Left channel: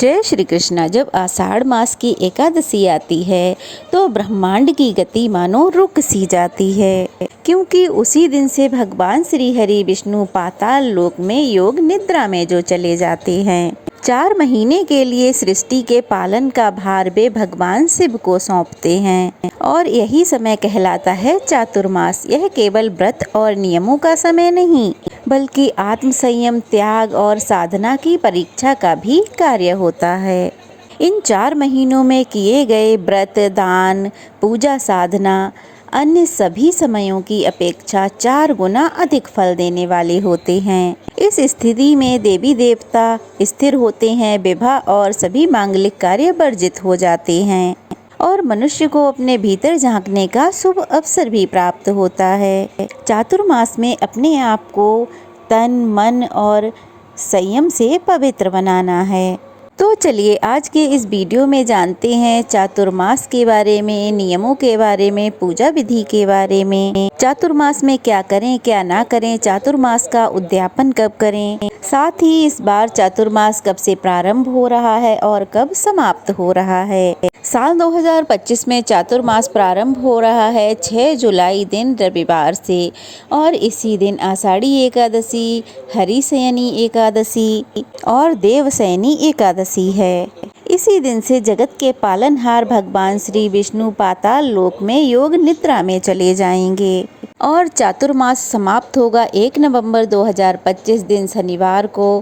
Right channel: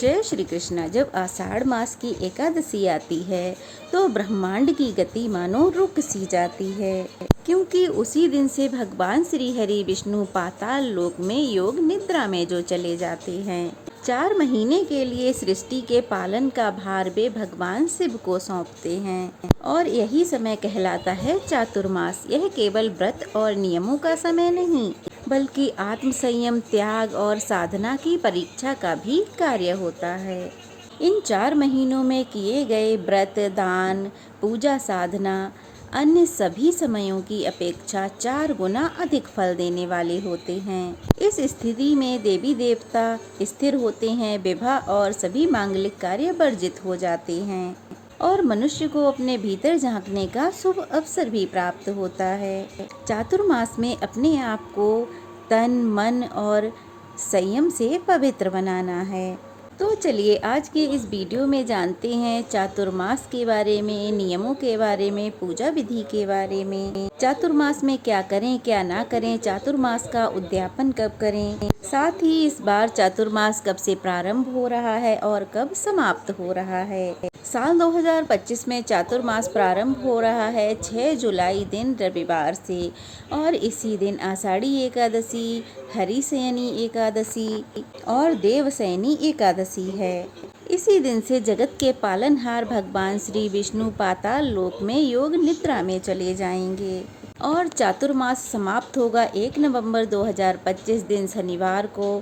जय श्री कृष्णा। जब आषाढ़ मास की एकादशी आती है तो ब्रह्मांड की गति मानो रुक सी जाती है, क्योंकि उसी दिन से भगवान श्री हरि विष्णु पाताल लोक में योग निद्रा में जो चले जाते हैं। 4 महीने के लिए सृष्टि के पालन का भार वे भगवान शिव को सौंपते हैं और यही समय कहलाता है चातुर्मास। यह केवल व्रत और नियमों का समय नहीं, बल्कि आत्म संयम, त्याग और साधना की परीक्षा का भी कार्य होता है। इन 4 महीनों में किए गए व्रत, दान, पूजा, साधना अन्य सभी समयों की अपेक्षा 4 गुना अधिक फल देने वाले होते हैं। इस स्थिति में देवी देवता स्थिर होते हैं, विवाह और सभी मांगलिक कार्य वर्जित हो जाते हैं और मनुष्य को अपने भीतर झांकने का शुभ अवसर भी प्राप्त होता है। चातुर्मास में अपने आप को तन, मन और संयम से पवित्र बनाना है। तो चलिए आज के इस वीडियो में जानते हैं चातुर्मास के बारे में, नियमों के बारे में, पूजा विधि के बारे में, चातुर्मास में क्या करें क्या ना करें, चातुर्मास का उद्यापन कब करें, साथ ही इस बार चातुर्मास कब से प्रारंभ हो रहा है और कब समाप्त हो रहा है। साल 2025 में चातुर्मास प्रारंभ हो रहा है 6 जुलाई दिन रविवार से और इसी दिन आषाढ़ी एकादशी, हरिशयनी एकादशी और देवशयनी एकादशी है। इसी दिन से जगत के पालनहार भगवान श्री विष्णु पाताल लोक में योग निद्रा में चले जाएंगे और चातुर्मास समाप्त होगा 1 नवंबर 2025 दिन शनिवार को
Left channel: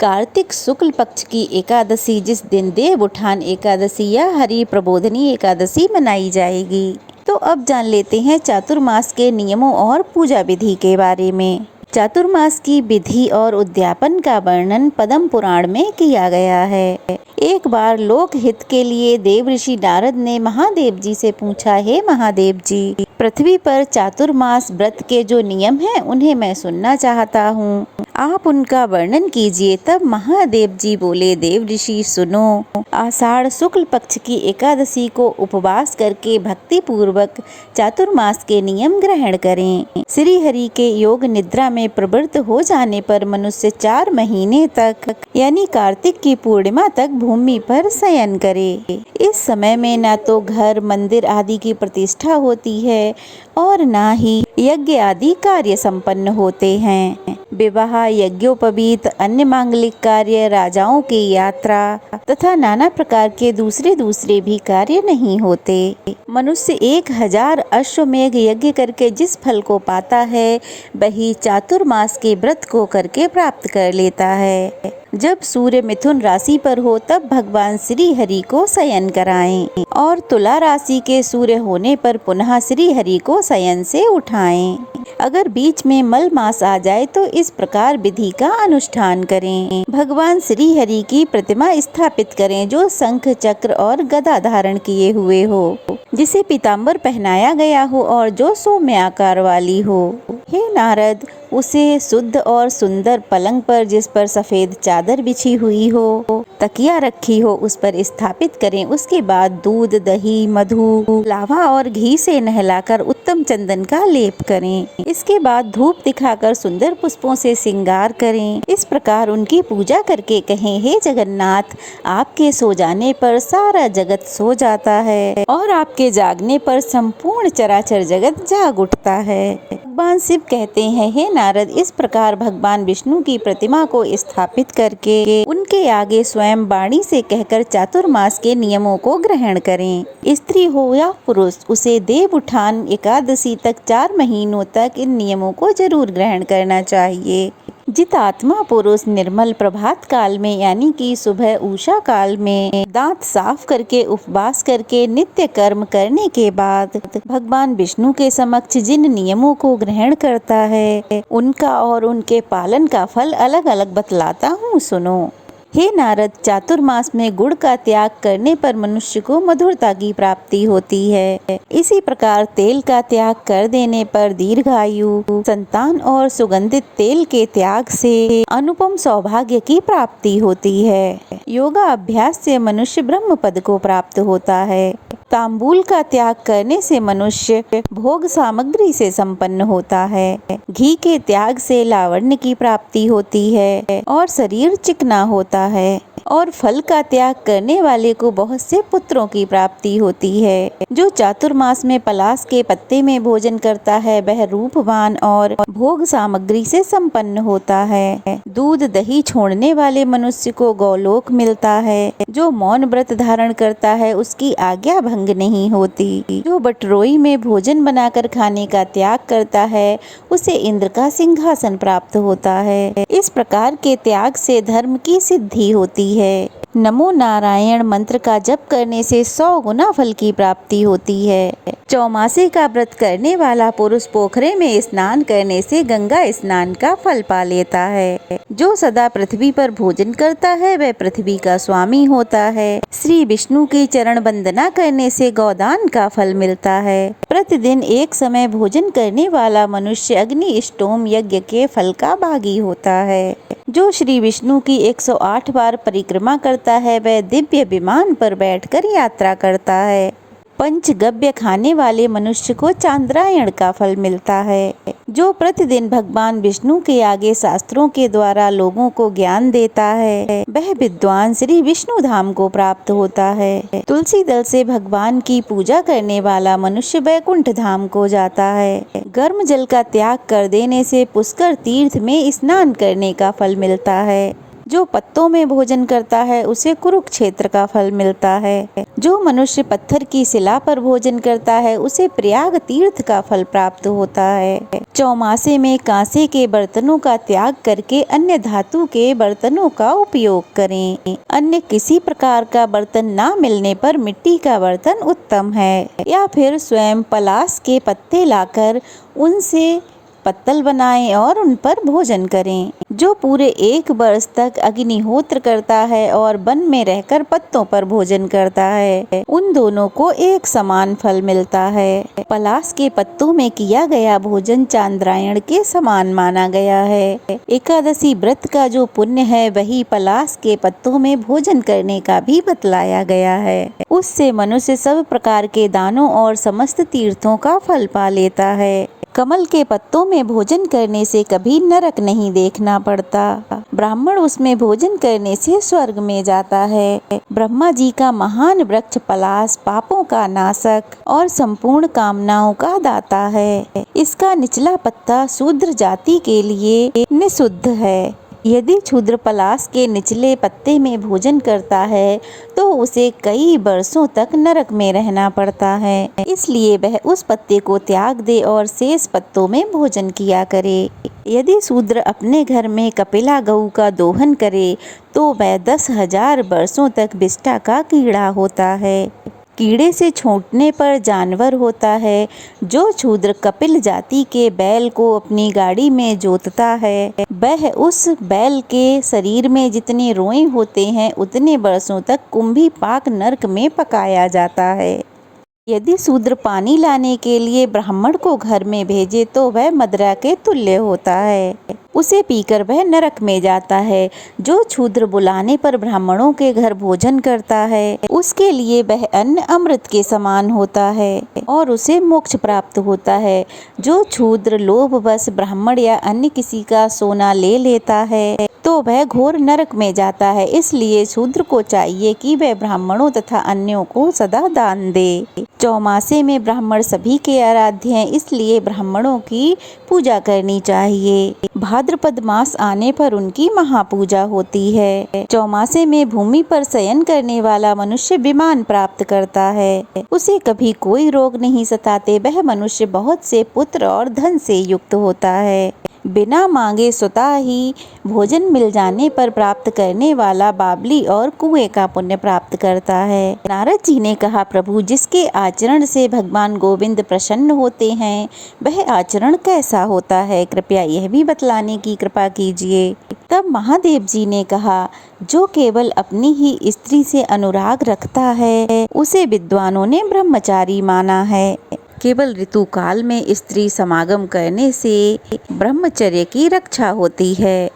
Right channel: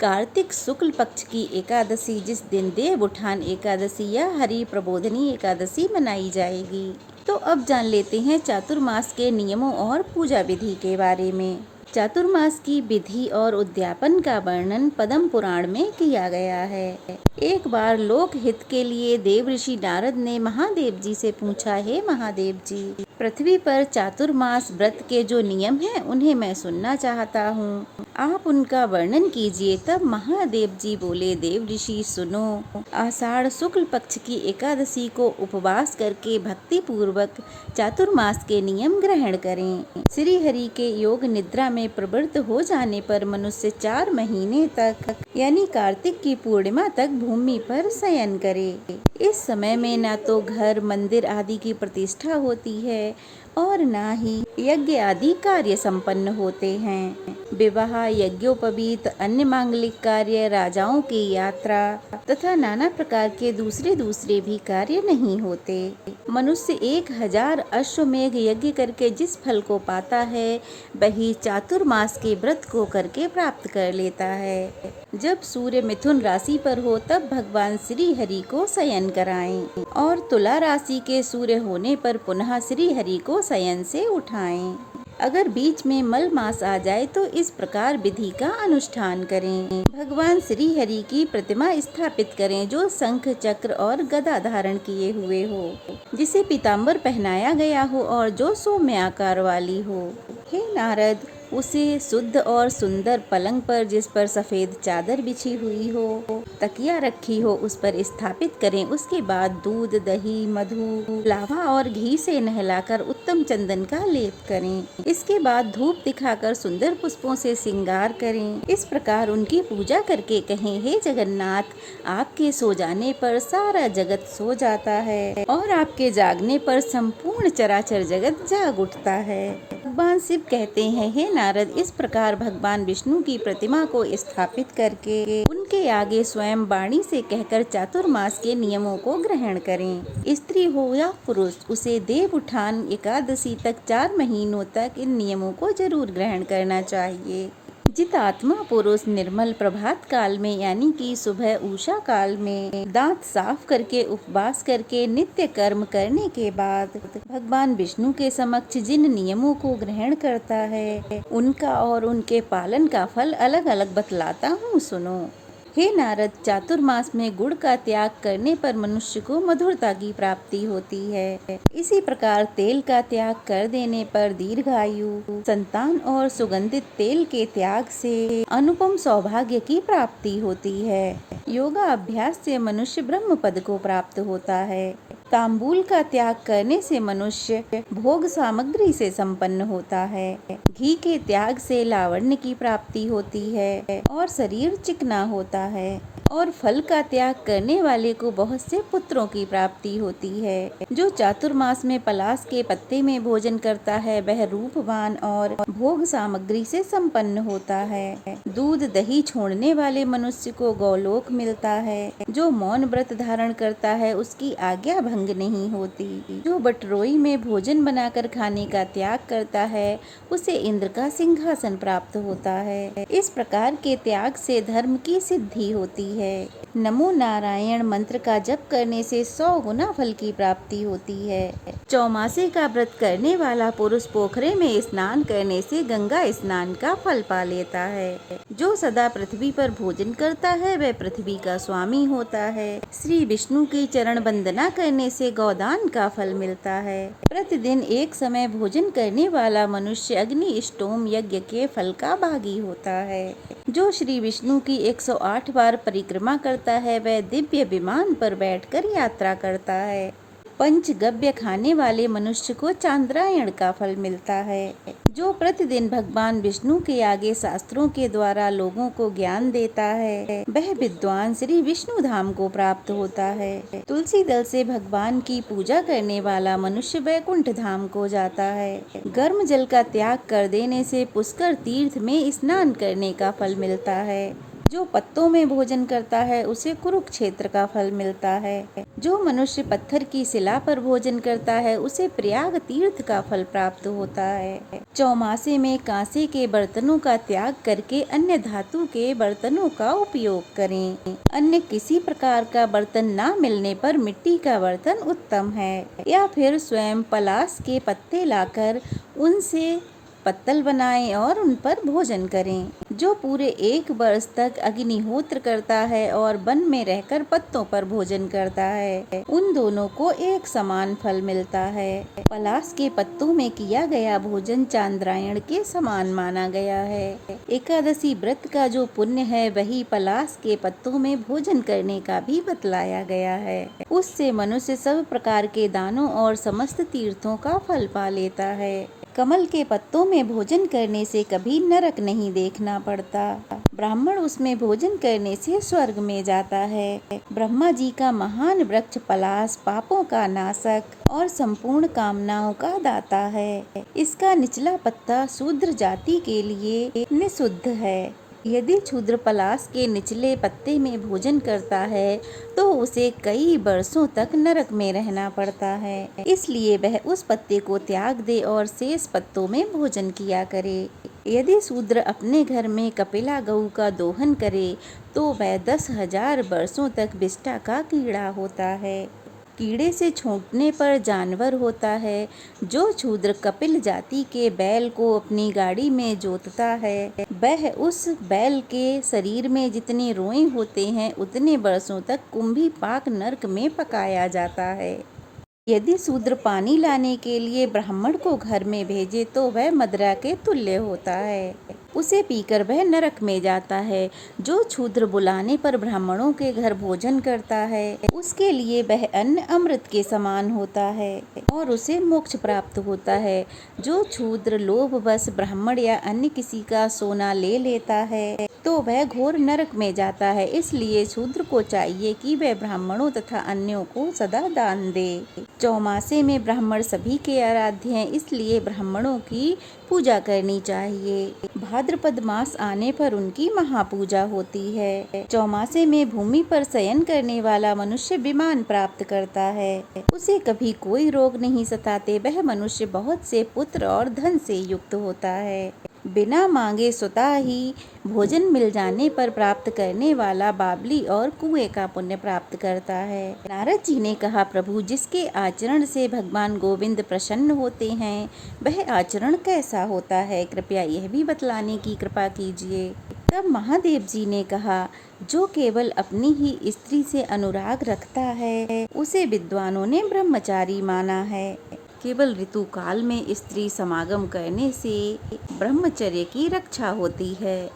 कार्तिक शुक्ल पक्ष की एकादशी, जिस दिन देव उठान एकादशी या हरि प्रबोधनी एकादशी मनाई जाएगी। तो अब जान लेते हैं चातुर्मास के नियमों और पूजा विधि के बारे में। चातुर्मास की विधि और उद्यापन का वर्णन पद्म पुराण में किया गया है। एक बार लोक हित के लिए देव ऋषि नारद ने महादेव जी से पूछा, हे महादेव जी, पृथ्वी पर चातुर्मास व्रत के जो नियम हैं उन्हें मैं सुनना चाहता हूँ, आप उनका वर्णन कीजिए। तब महादेव जी बोले, देव ऋषि सुनो, आषाढ़ शुक्ल पक्ष की एकादशी को उपवास करके भक्ति पूर्वक चातुर्मास के नियम ग्रहण करें। श्री हरि के योग निद्रा में प्रवृत्त हो जाने पर मनुष्य 4 महीने तक यानी कार्तिक की पूर्णिमा तक भूमि पर शयन करे। इस समय में न तो घर, मंदिर आदि की प्रतिष्ठा होती है और न ही यज्ञ आदि कार्य संपन्न होते हैं। विवाह, यज्ञोपवीत, अन्य मांगलिक कार्य, राजाओं की यात्रा तथा नाना प्रकार के दूसरे भी कार्य नहीं होते। मनुष्य 1000 अश्वमेघ यज्ञ करके जिस फल को पाता है वही चातुर्मास के व्रत को करके प्राप्त कर लेता है। जब सूर्य मिथुन राशि पर हो तब भगवान श्री हरि को शयन कराएं और तुला राशि के सूर्य होने पर पुनः श्री हरि को शयन से उठाएं। अगर बीच में मल मास आ जाए तो इस प्रकार विधि का अनुष्ठान करें। भगवान श्री हरि की प्रतिमा स्थापित करें जो शंख, चक्र और गदा धारण किए हुए हो, जिसे पीताम्बर पहनाया गया हो और जो सौम्य आकार वाली हो। हे नारद, उसे शुद्ध और सुंदर पलंग पर, जिस पर सफेद चादर बिछी हुई हो, तकिया रखी हो, उस पर स्थापित करें। उसके बाद दूध, दही, मधु, लावा और घी से नहलाकर उत्तम चंदन का लेप करें। इसके बाद धूप दिखाकर सुंदर पुष्पों से श्रृंगार करें। इस प्रकार उनकी पूजा करके कहें, हे जगन्नाथ, आपके सो जाने पर सारा जगत सो जाता है और आपके जागने पर संपूर्ण चराचर जगत जाग उठता है। भगवान शिव कहते हैं, हे नारद, इस प्रकार भगवान विष्णु की प्रतिमा को स्थापित करके उनके आगे स्वयं वाणी से कहकर चातुर्मास के नियमों को ग्रहण करें। स्त्री हो या पुरुष, उसे देव उठान एकादशी तक 4 महीनों तक इन नियमों को जरूर ग्रहण करना चाहिए। जितात्मा पुरुष निर्मल प्रभात काल में यानी कि सुबह उषा काल में दांत साफ करके उपवास करके नित्य कर्म करने के बाद भगवान विष्णु के समक्ष जिन नियमों को ग्रहण करता है उनका और उनके पालन का फल अलग अलग बतलाता हूँ, सुनो। हे नारद, चातुर्मास में गुड़ का त्याग करने पर मनुष्य को मधुरता की प्राप्ति होती है। इसी प्रकार तेल का त्याग कर देने पर दीर्घायु, संतान और सुगंधित तेल के त्याग से अनुपम सौभाग्य की प्राप्ति होती है। योगा अभ्यास से मनुष्य ब्रह्म पद को प्राप्त होता है। तांबूल का त्याग करने से मनुष्य भोग सामग्री से संपन्न होता है। घी के त्याग से लावण्य की प्राप्ति होती है और शरीर चिकना होता है और फल का त्याग करने वाले को बहुत से पुत्रों की प्राप्ति होती है। जो चातुर्मास में पलाश के पत्ते में भोजन करता है वह रूपवान और भोग सामग्री से संपन्न होता है। दूध दही छोड़ने वाले मनुष्य को गौलोक मिलता है। जो मौन व्रत धारण करता है उसकी आज्ञा भंग नहीं होती। जो बटरोई में भोजन बनाकर खाने का त्याग करता है उसे इंद्र का सिंहासन प्राप्त होता है। इस प्रकार के त्याग से धर्म की सिद्धि होती है। नमो नारायण मंत्र का जप करने से 100 गुना फल की प्राप्ति होती है। चौमासे का व्रत करने वाला पुरुष पोखरे में स्नान करने से गंगा स्नान का फल पा लेता है। जो सदा पृथ्वी पर भोजन करता है वह पृथ्वी का स्वामी होता है। श्री विष्णु की चरण वंदना करने से गौदान का फल मिलता है। प्रतिदिन एक समय भोजन करने वाला मनुष्य अग्नि इष्टोम यज्ञ के फल का भागी होता है। जो श्री विष्णु की 108 बार परिक्रमा करता है वह दिव्य विमान पर बैठकर यात्रा करता है। पंचगव्य खाने वाले मनुष्य को चांद्रायण का फल मिलता है। जो प्रतिदिन भगवान विष्णु के आगे शास्त्रों के द्वारा लोगों को ज्ञान देता है वह विद्वान श्री विष्णु धाम को प्राप्त होता है। तुलसी दल से भगवान की पूजा करने वाला मनुष्य वैकुंठ धाम को जाता है। गर्म जल का त्याग कर देने से पुष्कर तीर्थ में स्नान करने का फल मिलता है। जो पत्तों में भोजन करता है उसे कुरुक्षेत्र का फल मिलता है। जो मनुष्य पत्थर की शिला पर भोजन करता है उसे प्रयाग तीर्थ का फल प्राप्त होता है। चौमासे में कांसे के बर्तनों का त्याग करके अन्य धातु के बर्तनों का उपयोग करें। अन्य किसी प्रकार का बर्तन ना मिलने पर मिट्टी का बर्तन उत्तम है। या फिर स्वयं पलाश के पत्ते लाकर उनसे पत्तल बनाएं और उन पर भोजन करें। जो पूरे 1 वर्ष तक अग्निहोत्र करता है और वन में रहकर पत्तों पर भोजन करता है उन दोनों को एक समान फल मिलता है। पलाश के पत्तों में किया गया भोजन चांद्रायण के समान माना गया है। एकादशी व्रत का जो पुण्य है वही पलाश के पत्तों में भोजन करने का भी बतलाया गया है। उससे मनुष्य सब प्रकार के दानों और समस्त तीर्थों का फल पा लेता है। कमल के पत्तों में भोजन करने से कभी नरक नहीं देखना पड़ता। ब्राह्मण उसमें भोजन करने से स्वर्ग में जाता है। ब्रह्मा जी का महान वृक्ष पलाश पापों का नाशक और संपूर्ण कामनाओं का दाता है। इसका निचला पत्ता शूद्र जाति के लिए निषिद्ध है। यदि शूद्र पलाश के निचले पत्ते में भोजन करता है तो उसे कई वर्षों तक नरक में रहना पड़ता है। इसलिए वह उस पत्ते को त्याग दे और शेष पत्तों में भोजन किया करे। यदि शूद्र अपने घर में कपिला गऊ का दोहन करे तो वह 10,000 वर्षों तक विष्ठा का कीड़ा होता है। कीड़े से छूटने पर जानवर होता है। जो शूद्र कपिल जाति के बैल को अपनी गाड़ी में जोतता है वह उस बैल के शरीर में जितने रोए होते हैं उतने वर्षों तक कुंभी पाक नरक में पकाया जाता है। यदि शूद्र पानी लाने के लिए ब्राह्मण को घर में भेजे तो वह मदिरा के तुल्य होता है। उसे पीकर वह नरक में जाता है। जो शूद्र बुलाने पर ब्राह्मणों के घर भोजन करता है उसके लिए वह अन्न अमृत के समान होता है और उसे मोक्ष प्राप्त होता है। जो शूद्र लोभवश ब्राह्मण या अन्य किसी का सोना ले लेता है तो वह घोर नरक में जाता है। इसलिए शूद्र को चाहिए कि वह ब्राह्मणों तथा अन्यों को सदा दान दे। चौमासे में ब्राह्मण सभी के आराध्य हैं, इसलिए ब्राह्मणों की पूजा करनी चाहिए। भाद्रपद मास आने पर उनकी महापूजा होती है। चौमासे में भूमि पर शयन करने वाला मनुष्य विमान प्राप्त करता है। उसे कभी कोई रोग नहीं सताते। वह मनुष्य बहुत से पुत्र और धन से युक्त होता है। बिना मांगे स्वतः ही भोजन मिल जाने पर प्राप्त करने वाला बावली और कुएं का पुण्य प्राप्त करता है। नारद जी ने कहा, प्रभु, जिसके आचरण से भगवान गोविंद प्रसन्न होते हैं वह आचरण कैसा होता है? कृपया यह भी बतलाने की कृपा कीजिए। तब महादेव जी ने कहा, जो केवल अपनी ही स्त्री से अनुराग रखता है उसे विद्वानों ने ब्रह्मचारी माना है। केवल ऋतुकाल में स्त्री समागम करने से ब्रह्मचर्य की रक्षा होती है।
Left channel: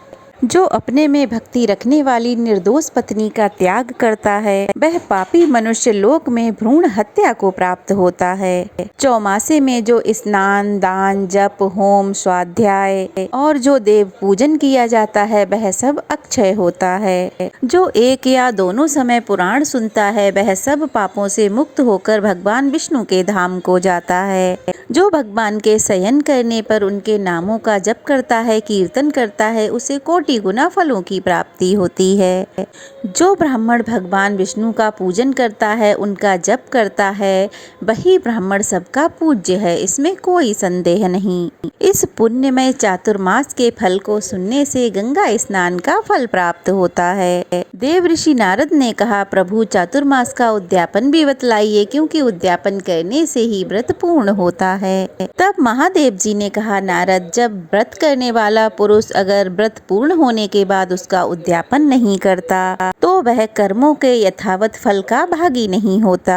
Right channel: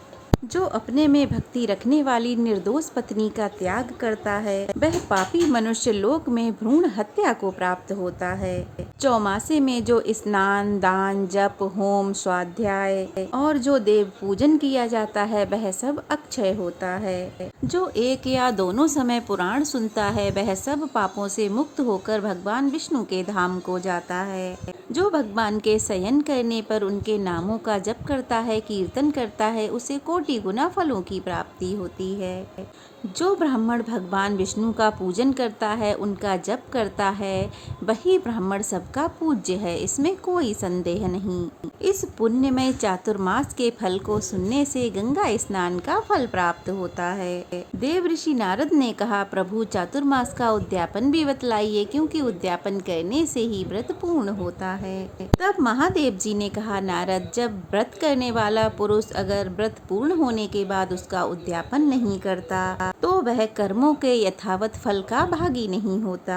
जो अपने में भक्ति रखने वाली निर्दोष पत्नी का त्याग करता है वह पापी मनुष्य लोक में भ्रूण हत्या को प्राप्त होता है। चौमासे में जो स्नान, दान, जप, होम, स्वाध्याय और जो देव पूजन किया जाता है वह सब अक्षय होता है। जो एक या दोनों समय पुराण सुनता है वह सब पापों से मुक्त होकर भगवान विष्णु के धाम को जाता है। जो भगवान के शयन करने पर उनके नामों का जप करता है, कीर्तन करता है, उसे कोटि गुना फलों की प्राप्ति होती है। जो ब्राह्मण भगवान विष्णु का पूजन करता है, उनका जप करता है, वही ब्राह्मण सबका पूज्य है, इसमें कोई संदेह नहीं। इस पुण्यमय चातुर्मास के फल को सुनने से गंगा स्नान का फल प्राप्त होता है। देव ऋषि नारद ने कहा, प्रभु चातुर्मास का उद्यापन भी बतलाइए, क्योंकि उद्यापन करने से ही व्रत पूर्ण होता है। तब महादेव जी ने कहा, नारद, जब व्रत करने वाला पुरुष अगर व्रत पूर्ण होने के बाद उसका उद्यापन नहीं करता तो वह कर्मों के यथावत फल का भागी नहीं होता।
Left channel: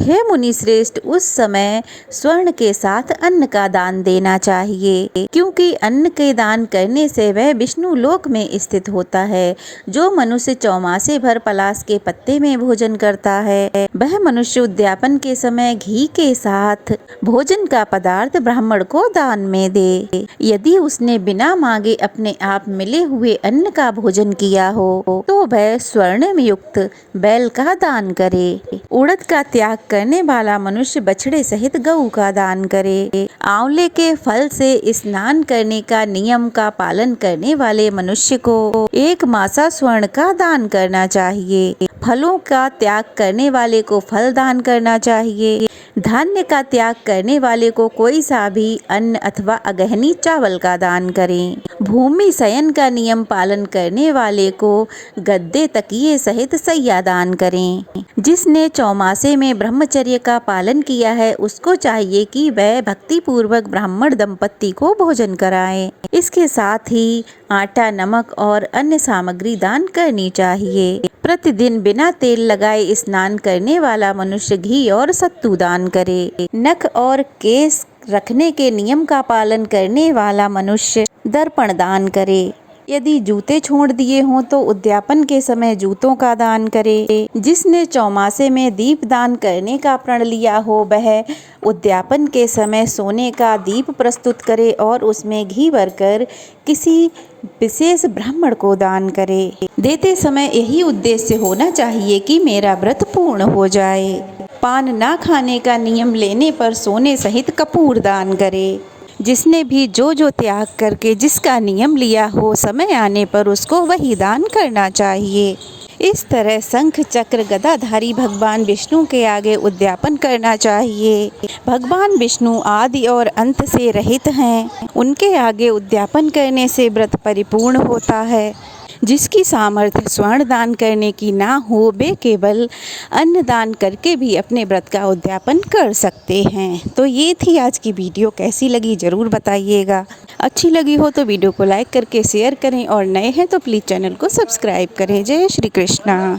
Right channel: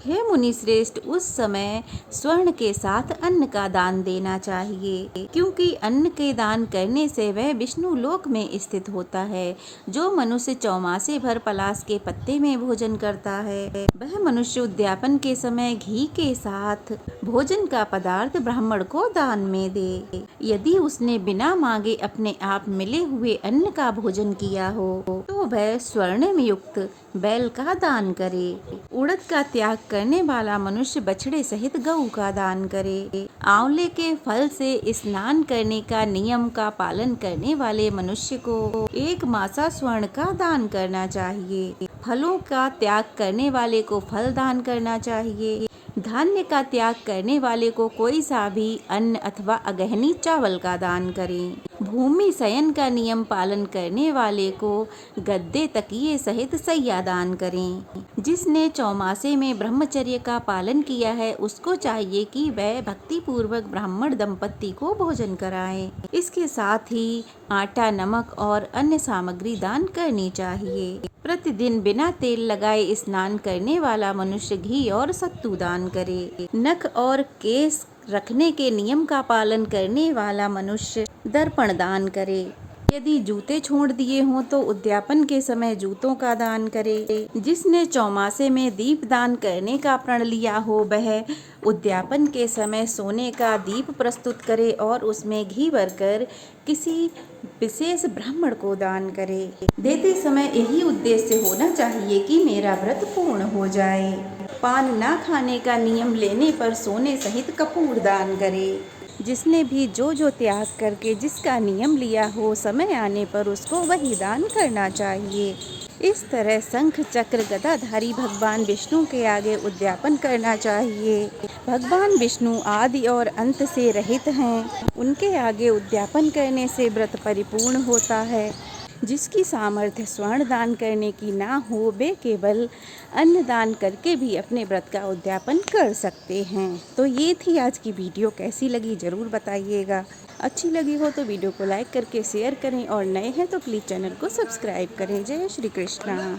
हे मुनि श्रेष्ठ, उस समय स्वर्ण के साथ अन्न का दान देना चाहिए, क्योंकि अन्न के दान करने से वह विष्णु लोक में स्थित होता है। जो मनुष्य चौमासे भर पलाश के पत्ते में भोजन करता है वह मनुष्य उद्यापन के समय घी के साथ भोजन का पदार्थ ब्राह्मण को दान में दे। यदि उसने बिना मांगे अपने आप मिले हुए अन्न का भोजन किया हो तो वह स्वर्ण में युक्त बैल का दान करे। उड़द का त्याग करने वाला मनुष्य बछड़े सहित गऊ का दान करे। आंवले के फल से स्नान करने का नियम का पालन करने वाले मनुष्य को 1 मासा स्वर्ण का दान करना चाहिए। फलों का त्याग करने वाले को फल दान करना चाहिए। धान्य का त्याग करने वाले को कोई सा भी अन्न अथवा अगहनी चावल का दान करें। भूमि शयन का नियम पालन करने वाले को गद्दे, तकिए सहित सैया दान करें। जिसने चौमासे में ब्रह्मचर्य का पालन किया है उसको चाहिए कि वह भक्ति पूर्वक ब्राह्मण दंपत्ति को भोजन कराए। इसके साथ ही आटा, नमक और अन्य सामग्री दान करनी चाहिए। प्रतिदिन बिना तेल लगाए स्नान करने वाला मनुष्य घी और सत्तू दान करे। नख और केस रखने के नियम का पालन करने वाला मनुष्य दर्पण दान करे। यदि जूते छोड़ दिए हों तो उद्यापन के समय जूतों का दान करे। जिसने चौमासे में दीप दान करने का प्रण लिया हो वह उद्यापन के समय सोने का दीप प्रस्तुत करे और उसमें घी भरकर किसी विशेष ब्राह्मण को दान करे। देते समय यही उद्देश्य होना चाहिए कि मेरा व्रत पूर्ण हो जाए। पान ना खाने का नियम लेने पर सोने सहित कपूर दान करे। जिसने भी जो त्याग करके जिसका नियम लिया हो समय आने पर उसको वही दान करना चाहिए। इस तरह शंख, चक्र, गदाधारी भगवान विष्णु के आगे उद्यापन करना चाहिए। भगवान विष्णु आदि और अंत से रहित हैं। उनके आगे उद्यापन करने से व्रत परिपूर्ण होता है। जिसकी सामर्थ्य स्वर्ण दान करने की ना हो वे केवल अन्न दान करके भी अपने व्रत का उद्यापन कर सकते हैं। तो ये थी आज की वीडियो, कैसी लगी ज़रूर बताइएगा। अच्छी लगी हो तो वीडियो को लाइक करके शेयर करें और नए हैं तो प्लीज़ चैनल को सब्सक्राइब करें। जय श्री कृष्णा।